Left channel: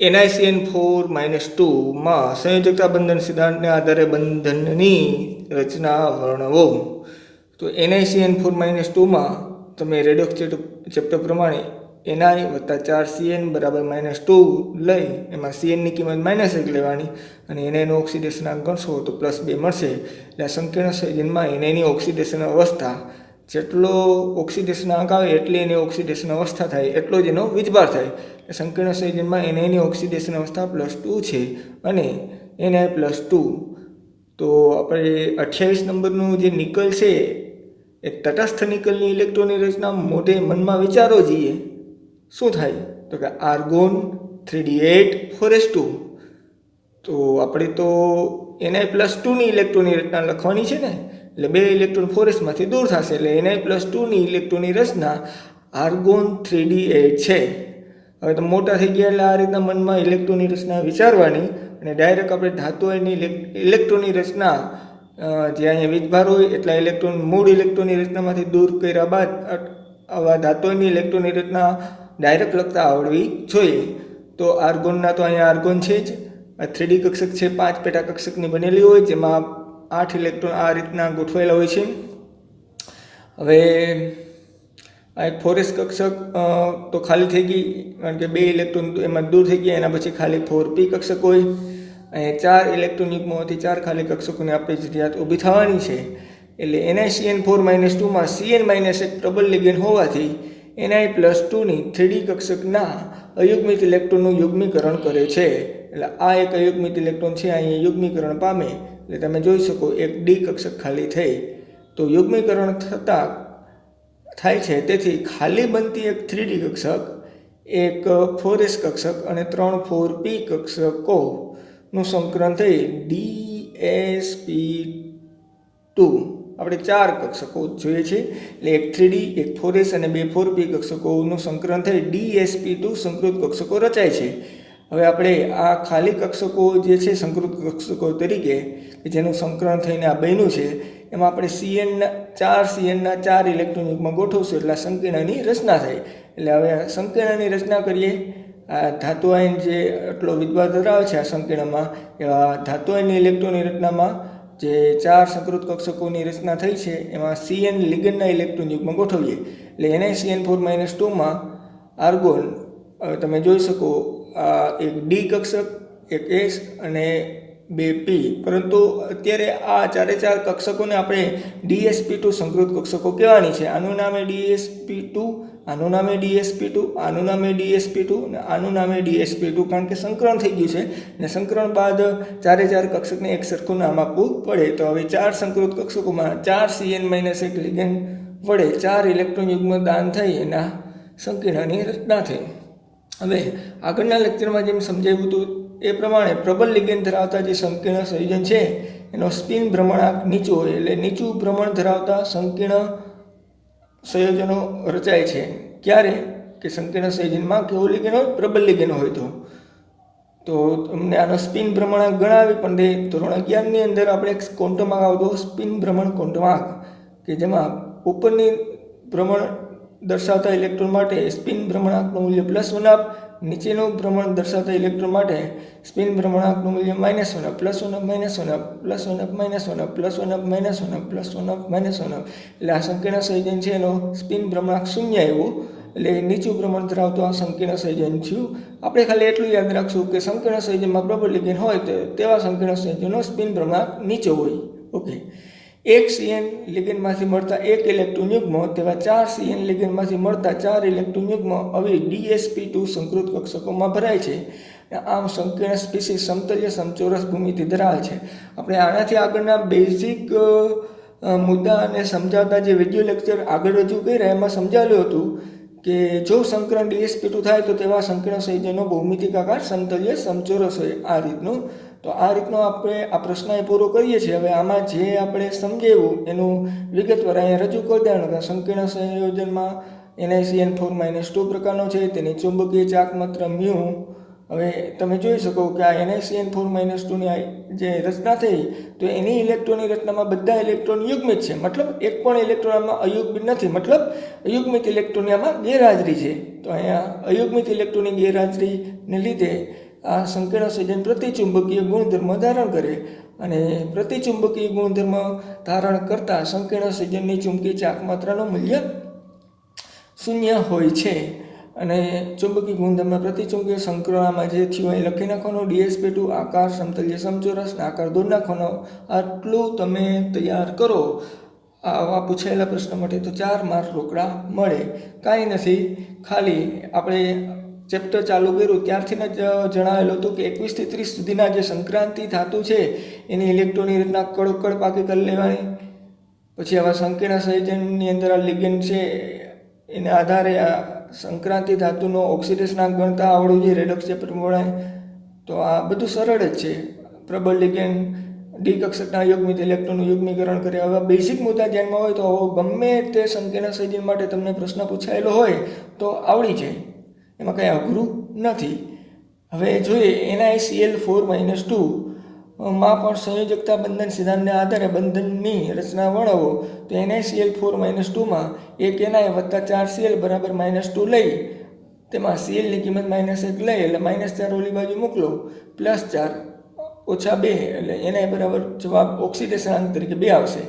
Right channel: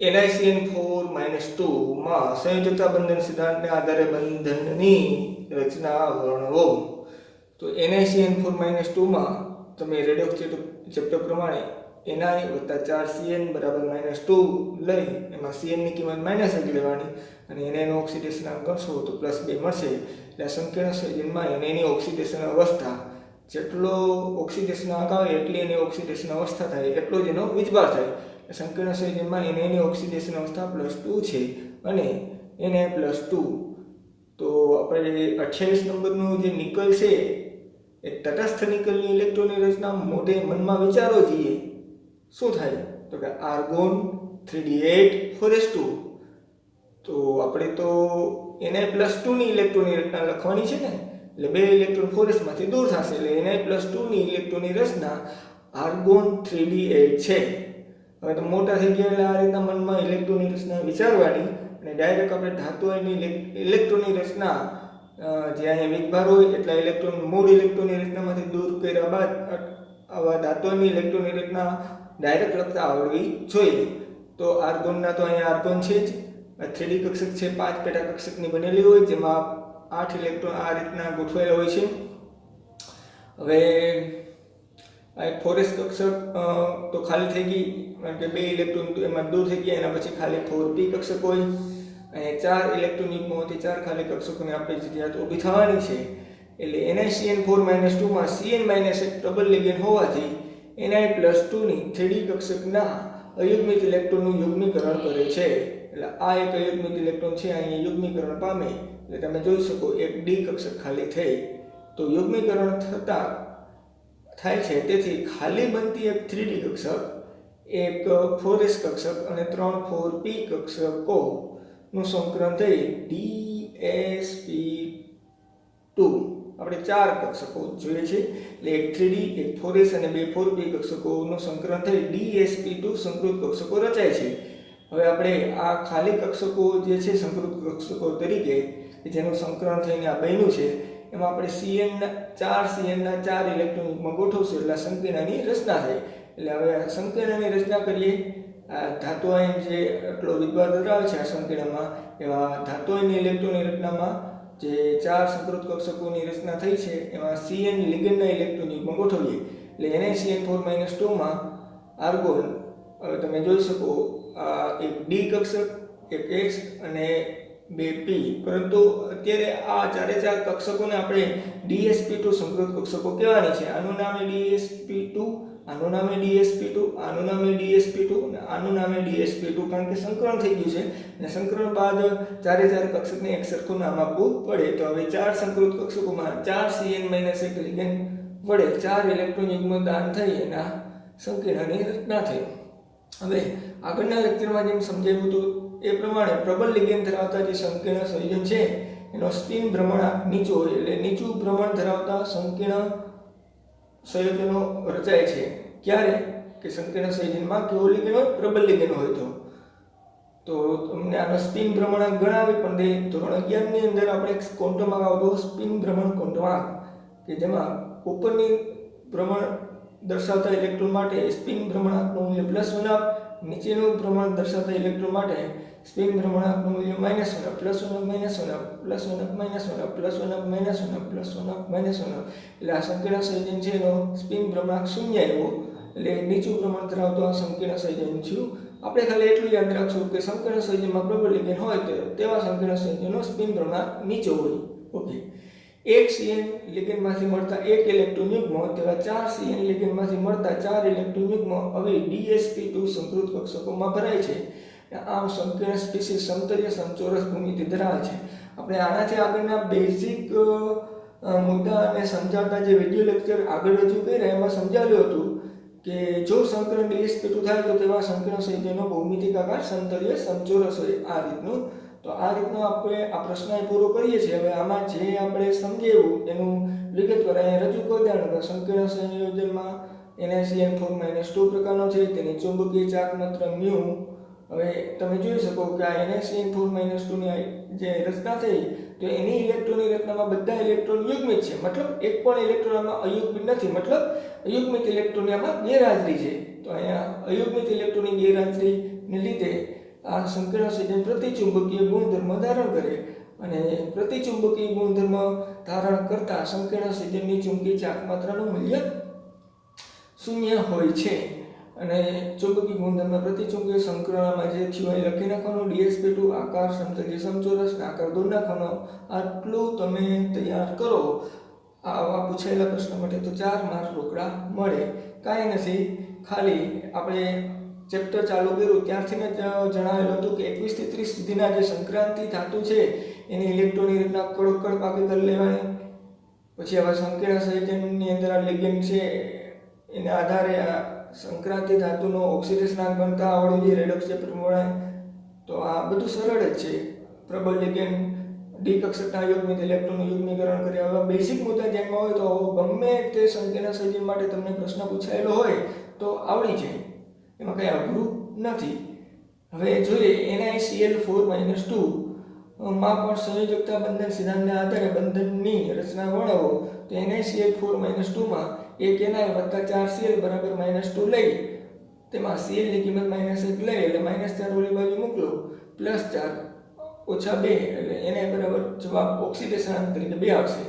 NiCN4-2 માં સંયોજકતા બંધન સિદ્ધાંતને આધારે બંધનની રચના વર્ણવો. તો NiCN4-2 માં તમે રેડોક્સ ચેપ્ટર પ્રમાણે Ni વત્તા 4Cn બરાબર -2 લઈ એમાં Cn ની કિંમત -1 લેવાની અને Ni નો ઓક્સિડેશનાંક ગણશો તો +2 મળશે. એટલે આ સંકીર્ણ સંયોજનમાં Ni ની ઓક્સિડેશન અવસ્થા જેટલો ઓક્સિડેશનાંક આવે એટલી એની ઓક્સિડેશન અવસ્થા થાય એટલો જ એનો વીજભાર થાય. સંકીર્ણ સંયોજનમાં Ni ની ઓક્સિડેશન અવસ્થા +2 છે અને Ni +2. તો આપણે 28 નંબરનું જે નિકલ છે એ તટસ્થ નિકલની ઇલેક્ટ્રોનની રચના મોઢે મનમાં વિચારો જઈએ શું થાય તો કે આર્ગોન 3d8 4s2. તો આપણે તો Ni+2 ની ઇલેક્ટ્રોનની રચના લખવાની છે ને, એટલે 2 ઇલેક્ટ્રોન 4s માંથી દૂર થશે એટલે Ni+2 ની ઇલેક્ટ્રોનની રચના આર્ગોન 3d8 છે. હવે તો મોટા થઈ ગયા એટલે આ રીતના મનમાં ઇલેક્ટ્રોનની રચના વિચારવાની અને ડાયરેક્ટ આપણે ધાતુઓની ઇલેક્ટ્રોનની રચના જે અહીંયા વીજભાર હોય એટલા ઇલેક્ટ્રોન મૂળ ઇલેક્ટ્રોનની રચનામાંથી દૂર કર્યા બાદ આવા ધાતુઓની ઇલેક્ટ્રોનની રચના ડાયરેક્ટ લખતા આવડવી જોઈએ. તો આર્ગોનના તો અહીંયા આર્ગોન છે જ, 3D કક્ષક છે, 5 પેટા કક્ષકની બનેલી હોય જેમાં 8 ઇલેક્ટ્રોન આ રીતના ગોઠવાયેલા હોય છે. હવે આ એક 4s કક્ષક તો ખાલી થઈ ગઈ કારણ કે 2 ઇલેક્ટ્રોન એમાં દૂર થઈ ગયા. એના પછી ખાલી 4p કક્ષક હોય. અહીંયા 4 ઇલેક્ટ્રોન યુગ્મોમાંથી 4 ખાલી કક્ષકોને આપણે જરૂરિયાત ઊભી થવાની છે. એટલે NiCN4-2 માં Cn-1 પ્રબળ લિગેન્ડ હોવાથી Ni+2 ની 3D કક્ષકના અયુગ્મિત ઇલેક્ટ્રોનનું યુગ્મીકરણ કરે છે. એટલે આ એક અયુગ્મિત ઇલેક્ટ્રોન છે અહીંયા યુગ્મીકરણ પામે એટલે તમે જોઈ શકો એક D કક્ષક ખાલી થઈ. તો યુગ્મીકરણ થતાં થાય છે તેથી ખાલી બનતી એક 3D કક્ષક, એક 4s કક્ષક અને 3 4p કક્ષકોનું સંકલન થઈ DsP2. આપણે 4 કક્ષકો જોઈએ છે એટલે એક 3D, એક 4s અને 2 4p કક્ષકોનું સંકલન થઈ DsP2 સંકૃત કક્ષકો રચાય છે. હવે આપણે આ ખાલી કક્ષકો જે છે સંકૃત કક્ષકો તરીકે કે જેનું સંકલન થઈને આ બન્યું છે એમાં આપણે Cnના 4 ઇલેક્ટ્રોન યુગ્મ ગોઠવશું એટલે સંકીર્ણની રચના થાય. એટલે હવે સંકીર્ણની રચના કરીએ. આ ધાતુ આયન જે આટલો વિદ્વાર ધરાવે છે આ સંકીર્ણમાં એવા ધાતુ આયનની ઇલેક્ટ્રોનની રચનામાં જે 4 સંકૃત કક્ષકોની રચના થઈ છે એમાં Cn લિગેન્ડના ઇલેક્ટ્રોન યુગ્મ ગોઠવીએ. એટલે NiCN4-2 માં આર્ગોન હવે તમે જોઈ શકો આ એક D કક્ષક, એક S અને 2p. પરંતુ અત્યારે આ 4 કક્ષકોને આપણે DsP2 સંકૃત કક્ષકો કહેવાની છે. આનું નામે DsP2, આનું નામે DsP2, આનું નામે DsP2 અને આનું નામે DsP2 કારણ કે સંકલન થઈ ગયું છે અને સંકલન બાદ 4 કક્ષકને એક સરખું નામ આપવું પડે. તો હવે 4 સંકૃત કક્ષકોમાં 4 Cn-1 લિગેન્ડ વડે 4 ઇલેક્ટ્રોન યુગ્મ દાન થઈ એના સંકીર્ણની રચના થઈ. હવે આગળના લેક્ચરમાં જેમ સમજાવ્યું હતું એ પ્રમાણે પ્રબળ લિગેન્ડ ધરાવતા જે સંકીર્ણ સંયોજન છે એનો સ્પિન ભ્રમણાંક નીચો હોય એટલે નીચું ભ્રમણ ધરાવતા સંકીર્ણ સંયોજનો રચાય છે. ક્યારે કે સંકીર્ણ સંયોજનમાં કેવું લિગેન્ડ હોય? પ્રબળ લિગેન્ડ હોય. તો તમને આનો સ્પિન ભ્રમણાંક ગણાવી પણ દે. ધોરણ 11 ની અંદર આપણે એક ક્વોન્ટમ આવતો સ્પિન ભ્રમણ ક્વોન્ટમ કે જેમાં ઉપરની ભ્રમણ દર્શાવતા ઇલેક્ટ્રોન માટે સ્પિન ભ્રમણાંકનું મૂલ્ય +1 આપ, નીચેનું ભ્રમણ દર્શાવતા ઇલેક્ટ્રોન માટે સ્પિન ભ્રમણાંકનું મૂલ્ય -1 +1 +1 એટલે આ સંકીર્ણ સંયોજન છે એનો સ્પિન ભ્રમણાંક 0 આવ્યું એટલે નીચું ભ્રમણ ધરાવતું આ સંકીર્ણ સંયોજન થયું. આપણે ખાલી એટલું યાદ રાખશું કે સંકીર્ણ સંયોજનમાં પ્રબળ લિગેન્ડ હોય તો તેવા સંકીર્ણ સંયોજનનો સ્પિન ભ્રમણાંક નીચો હોય. ઓકે, એક Cn લિગેન્ડમાંથી મળતા એક ઇલેક્ટ્રોન યુગ્મ તેવા 4 Cn લિગેન્ડમાંથી મળતા 4 ઇલેક્ટ્રોન યુગ્મ હવે DsP2 સંકૃત કક્ષકોમાં ભરાય છે. આમ સંકીર્ણ સ્પીસીસ સમતલીય સમચોરસ ભૂમિતિ ધરાવે છે. આપણે આનાથી આગળના બેઝિક મુદ્દા અને સમજાવતા જે વિડિયો લેક્ચર આગળ રજૂ કર્યા એમાં સમજાવ્યું હતું કે જો સંકલન DsP2 થાય તો તેવા સંકીર્ણ સંયોજનો ભૌમિતિકાકાર સમતલીય સમચોરસ હોય આ રીતનું. તો આ રીતનો આપણે આ પ્રશ્ન પૂરો કરીએ છીએ. હવે આમાં જે આપણે સમજાવ્યું એનું વિગતવાર અહીંયા રજૂ કરી દેવાનું. સંકીર્ણ સંયોજનમાં NiCN4-2 પ્રકારનો છે. તેની ચુંબકીય ચાક માત્ર μ હવે તમે જોઈ શકો કે આ NaCN4-2ની જે રચના થઈ તો એની ઇલેક્ટ્રોનની રચનામાં બધા ઇલેક્ટ્રોન યુગ્મિત છે, મતલબ એક પણ ઇલેક્ટ્રોન આમાં અયુગ્મિત નથી, મતલબ અયુગ્મિત ઇલેક્ટ્રોનની આમાં ગેરહાજરી છે. તો અહીંયા અયુગ્મિત ઇલેક્ટ્રોનની ગેરહાજરીને લીધે આ સંકીર્ણ સંયોજન પ્રતિચુંબકીય ગુણધર્મ ધારણ કરે અને પ્રતિચુંબકીય ગુણધર્મ ધારણ કરતા સંકીર્ણ સંયોજનની ચુંબકીય ચાક માત્રાનું મૂલ્ય શૂન્ય હોય છે. અને ચુંબકીય ગુણધર્મ પ્રતિચુંબકીય સંકરણમાં જે થયું એ લખી નાખવાનો. DsP2 આકાર સમતલીય સમચોરસ આકાર દોરી નાખવાનો. આટલું તમે તૈયાર કરો આવા પૂછાયેલા પ્રશ્ન માટે તો 4 માર્ક રોકડા મળે. કાંઈ નથી, ખાલી આપણે ચેપ્ટર ચાલુ કર્યું ત્યારથી જ જણાવેલું હતું કે 21 થી 30 સુધીના જે સંક્રાંતિ ધાતુ છે એની ઇલેક્ટ્રોનની રીતના કડોકડ પાકી કરી લેવાની. પછી આવા સંકીર્ણ સંયોજનની અંદર આ લિગેન્ડ છે એના આધારે આ સંક્રાંતિ ધાતુનો ઓક્સિડેશનાંક ગણતા આવડવું જોઈએ, રેડોક્સ ચેપ્ટર પ્રમાણે. તો આ બધું સરળ જ છે. પ્રબળ લિગેન્ડ ડી કક્ષકના યુગ્મિત ઇલેક્ટ્રોનનું યુગ્મીકરણ કરે. હવે બેઝિક મુદ્દા ધ્યાનમાં હોય તો ગમે તે સંકીર્ણ સંયોજન માટે તમને પ્રશ્ન પૂછાયેલો હોય તો આવડી જાય, એમાં કંઈ અઘરું નથી. હવે જોઈએ NaCl4-2 માં પણ સંયોજકતા બંધન સિદ્ધાંતને આધારે બંધનની રચના વર્ણવો. તો NaCl4-2માં એક Na વત્તા 4Cl બરાબર -2 લઈ તેમાં Cl ની કિંમત -1 લઈ એટલે -4 ઓલી બાજુ મોકલો, +4 ઓછા 2 એટલે Na બરાબર જવાબ ઓક્સિડેશન તરીકે 2 આવશે.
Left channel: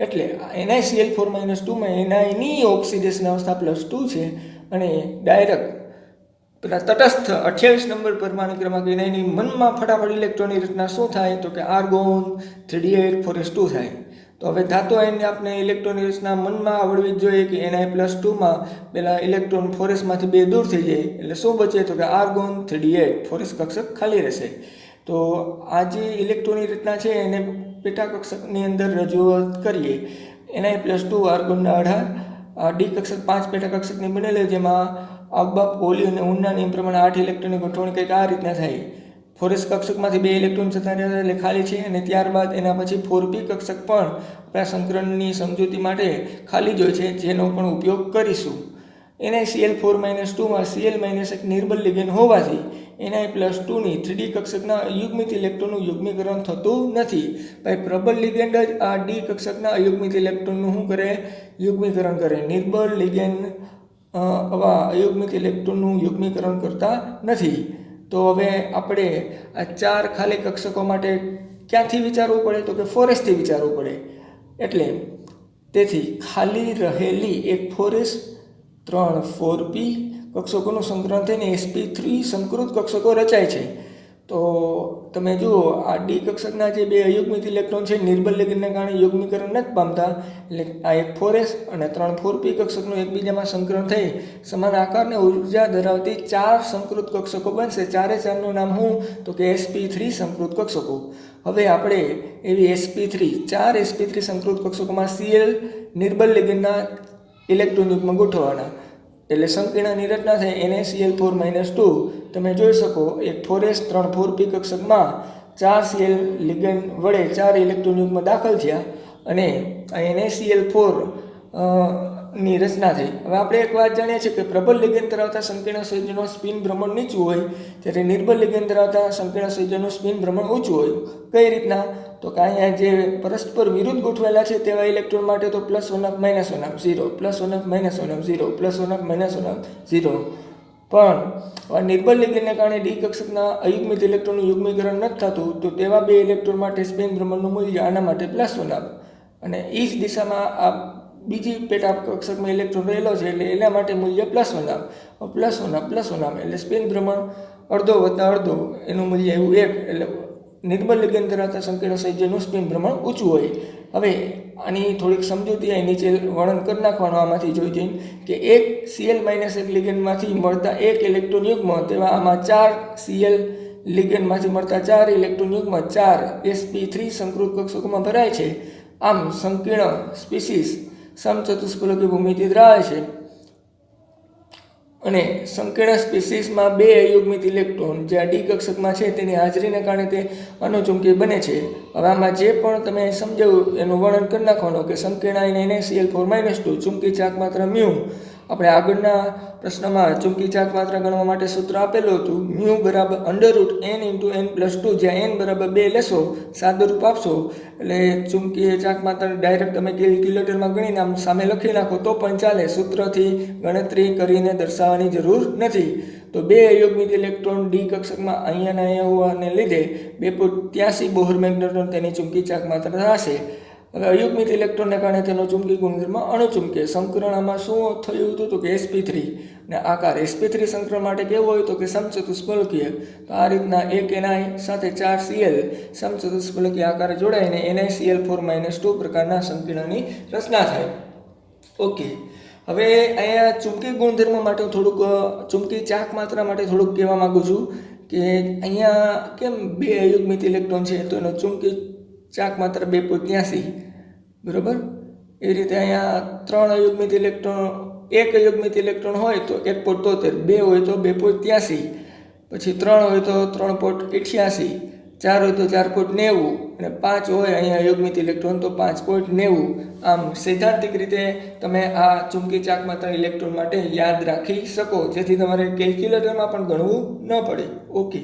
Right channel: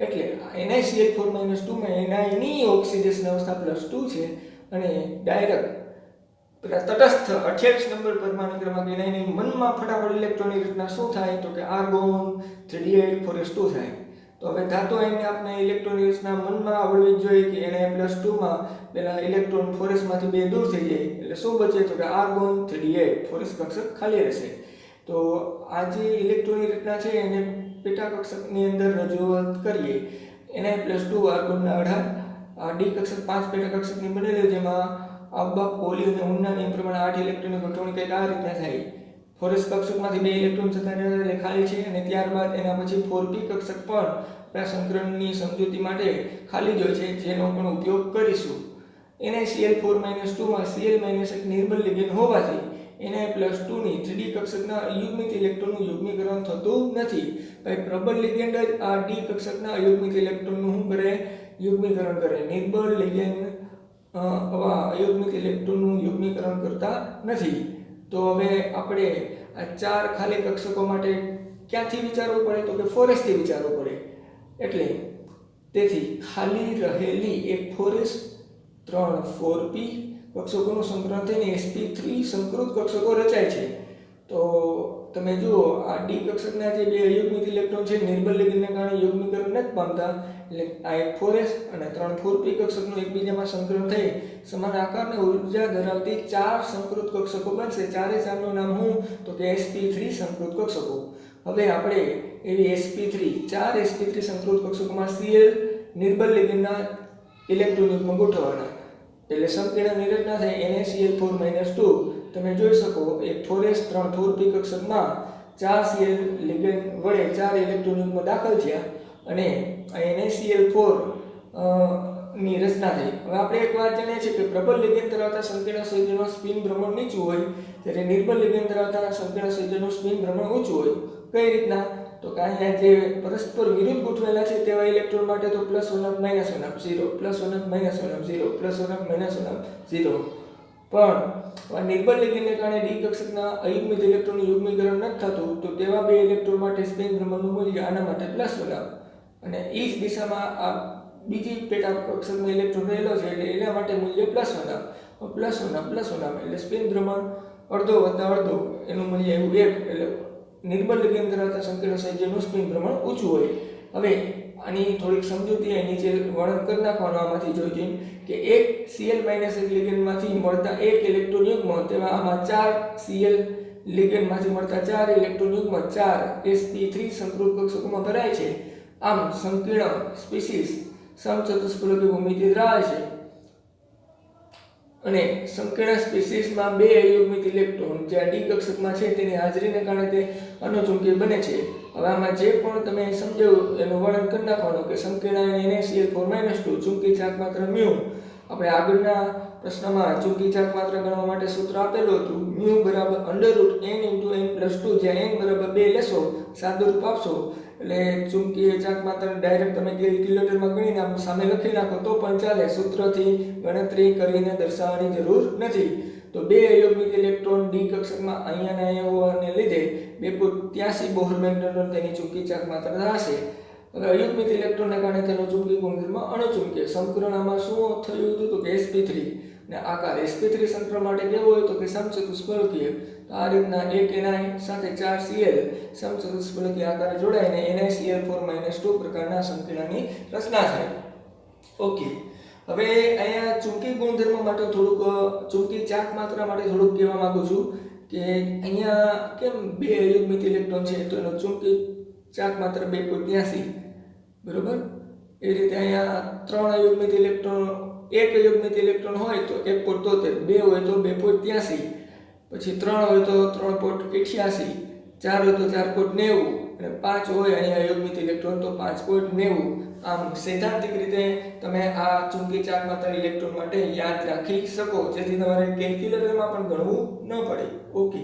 એટલે NaCl4-2માં Na ની ઓક્સિડેશન અવસ્થા +2 છે અને ડાયરેક્ટ તટસ્થ 28 નંબર પરમાણુ ક્રમાંક એની મનમાં ફટાફટ ઇલેક્ટ્રોનની રચના શું થાય તો કે આર્ગોન 3d8 4s2 થાય. તો હવે ધાતુ આયનને આપણે ઇલેક્ટ્રોનની રચના મનમાં આવડવી જ જોઈએ કે Na+2માં પેલા ઇલેક્ટ્રોન 4sમાંથી 2 દૂર થઈ જાય એટલે શું બચે તો કે આર્ગોન 3d8 4s કક્ષક ખાલી રહેશે. તો આ જે ઇલેક્ટ્રોનની રચના છે એને પેટા કક્ષકની અંદર રજૂઆત કરીએ. Na+2 આર્ગોનના 18 ડી કક્ષક 5 પેટા કક્ષકની બનેલી જેમાં આબા પોલી અને ઉનના નિયમ પ્રમાણે 8 ઇલેક્ટ્રોનની ગોઠવણી કંઈક આ રીતના થાય. 4s કક્ષકમાંથી 2 ઇલેક્ટ્રોન જતા રહ્યા એટલે ખાલી છે અને ત્યારબાદ એના પછી 4p કક્ષક પણ આપણા સંકરણની સમજૂતી માટે ખાલી જ હોય છે, જેનો પણ ઉપયોગ કરીશું. NaCl4-2માં Cl- નિર્બળ લિગેન્ડ હોવાથી Na+2ની 3d કક્ષકના અયુગ્મિત ઇલેક્ટ્રોનનું યુગ્મીકરણ થતું નથી. ભાઈ પ્રબળ લિગેન્ડ જ આ ડી કક્ષકના અયુગ્મિત ઇલેક્ટ્રોનનું શું કરે? યુગ્મીકરણ કરે. નિર્બળ લિગેન્ડ આવા અયુગ્મિત ઇલેક્ટ્રોનનું યુગ્મીકરણ કરતા નથી. તો હવે આપણે આ 4 ખાલી કક્ષકો માટે ક્યાંથી વિચારવું પડે તો કે 4sથી વિચારવું પડે. એટલે તેથી ખાલી રહેલી એક 4s 3 4p કક્ષકોનું સંકલન થઈને sp3 સંકૃત કક્ષકો રચાય છે. તો તમે જુઓ આ ડી કક્ષકના જે 2 અયુગ્મિત ઇલેક્ટ્રોન છે નિર્બળ લિગેન્ડને કારણે યુગ્મીકરણ નથી પામતા, એટલે આ એક 4s અને 3 4p કક્ષકનું એકબીજામાં સંકલન થઈ સમાન આકારને ઉર્જા ધરાવતી 4 સંકૃત કક્ષકો બનશે. 4નું નામ શું તો કે sp3 સંકૃત કક્ષકો. હવે આપણે એવી sp3 4 sp3 સંકૃત કક્ષકોમાં Cl નિર્બળ લિગેન્ડના ઇલેક્ટ્રોન યુગ્મ ગોઠવવાના એટલે સંકીર્ણની રચના થાય NaCl4-2. તમે જોઈ શકો એક 4s 3 4p કક્ષકમાં 4 Cl લિગેન્ડ વડે 4 ઇલેક્ટ્રોન યુગ્મ દાખલ થયા અને આ NaCl4 ની રચના થઈ. હવે આપણે એક વાત જાણીએ છીએ કે પ્રબળ લિગેન્ડ ધરાવતા સંકીર્ણ સંયોજનનું સ્પિન ભ્રમણ નીચું હોય જ્યારે નિર્બળ લિગેન્ડ ધરાવતા સંકીર્ણ સંયોજનનું સ્પિન ભ્રમણ ઊંચું હોય. કઈ રીતના તો કે અહીંયા જે પરસ્પર વિરુદ્ધ ગોઠવેલા છે તેવા ઇલેક્ટ્રોન માટે તો +1 -1 0 +1 -1 0 +1 -1 0. પણ નિર્બળ લિગેન્ડને કારણે ડી કક્ષકના અયુગ્મિત ઇલેક્ટ્રોનનું યુગ્મીકરણ નથી થતું તો તેવા 2 ઇલેક્ટ્રોન માટે સ્પિન ભ્રમણનું મૂલ્ય આના માટે +1 અને એ જ દિશામાં આ બીજી પેટા કક્ષકમાં ઇલેક્ટ્રોન રહેલો છે એટલે એના માટે મૂલ્ય +1 એટલે સ્પિન ભ્રમણ અડધો વત્તા અડધો એનું મૂલ્ય એવું 1 એટલે નિર્બળ લિગેન્ડ ધરાવતા સંકીર્ણ સંયોજનનું સ્પિન ભ્રમણ ઊંચું હોય. હવે આની થોડીક સમજૂતી અહીં નીચે વર્ણન કરી નાખવાનું આમાંથી જોઈ જઈએ કે એક Cl-1 લિગેન્ડમાંથી મળતા 1 ઇલેક્ટ્રોન યુગ્મ તેવા આમાં 4 Cl લિગેન્ડમાંથી મળતા 4 ઇલેક્ટ્રોન યુગ્મ 4 sp3 સંકૃત કક્ષકોમાં ભરાય છે. આમ સંકીર્ણ સ્પીસીસ સમચતુષ્ફલકી ભૂમિતિ ધરાવે છે અને સંકીર્ણ સ્પીસીસમાં 2 અયુગ્મિત ઇલેક્ટ્રોન જે આ ડી કક્ષકમાં છે તેની હાજરીને કારણે તે અનુચુંબકી બને છે. હવે આમાં જે પણ તમે સમજાવ્યું એનું વર્ણન કરી નાખવાનું કે સંકીર્ણ NaCl4-2 ચુંબકી ચાક માત્રા μ આપણે આગળના પ્રશ્નમાં ચુંબકી ચાક માત્રા ગણવા માટે સૂત્ર આપેલું હતું મ્યુ બરાબર √n × n + 2 જ્યાં n બરાબર 2 લેશો સાદુરૂપ આપશો એટલે ચુંબકીય ચાક માત્રા ડાયરેક્ટ તમે કેલ્ક્યુલેટરમાં ગણીને આમ સામે લખી નાખો તો પણ ચાલે, સૂત્રથી ગણતરી કરીને દર્શાવવાની જરૂર નથી. તો 2 અયુગ્મિત ઇલેક્ટ્રોન ડી કક્ષકમાં અહીંયા હોવાને લીધે 283 બોહર મેગ્નેટ્રોન તેની ચુંબકી ચાક માત્રા હશે. હવે અયુગ્મિત ઇલેક્ટ્રોનને કારણે તેનો ચુંબકી ગુણધર્મ અણુચુંબકીય. સંકરણમાં શું થયું હતું તો કે sp3 ને આકાર sp3 સંકરણ માટે કેવો હોય તો કે સમચતુષ્ફલકીય. તો આ રીતના એક ni સાથે 4 Cl સમચતુષ્ફલકીય આકારે જોડાઈને NiCl4 - 2 પ્રકારના સંકીર્ણની રચના થાય. ઓકે, હવે અહીંયા ચુંબકી ગુણધર્મ માટે થોડુંક ચુંબકી ચાક માત્રા માટે થોડુંક કહેવા માંગુ છું કે અહીંયા કેમ 2 અયુગ્મિત ઇલેક્ટ્રોન છે તો એનો ચુંબકી ચાક માત્ર 283 બરાબર. એ રીતે અહીંયા 3 અયુગ્મિત ઇલેક્ટ્રોન, 1 અયુગ્મિત ઇલેક્ટ્રોન હોય તો 1.73, 2 હોય તો 2.83, પછી 3 હોય તો 3.88, 4 હોય તો 4.90 અને 5 હોય અહીંયા અયુગ્મિત ઇલેક્ટ્રોન તો 5.90. આમ સૈદ્ધાંતિક રીતે તમે આ ચુંબકી ચાક માત્રા ઇલેક્ટ્રોન માટે યાદ રાખી શકો જેથી તમારે કેલ્ક્યુલેટરમાં પણ ગણવું ન પડે. ઓકે.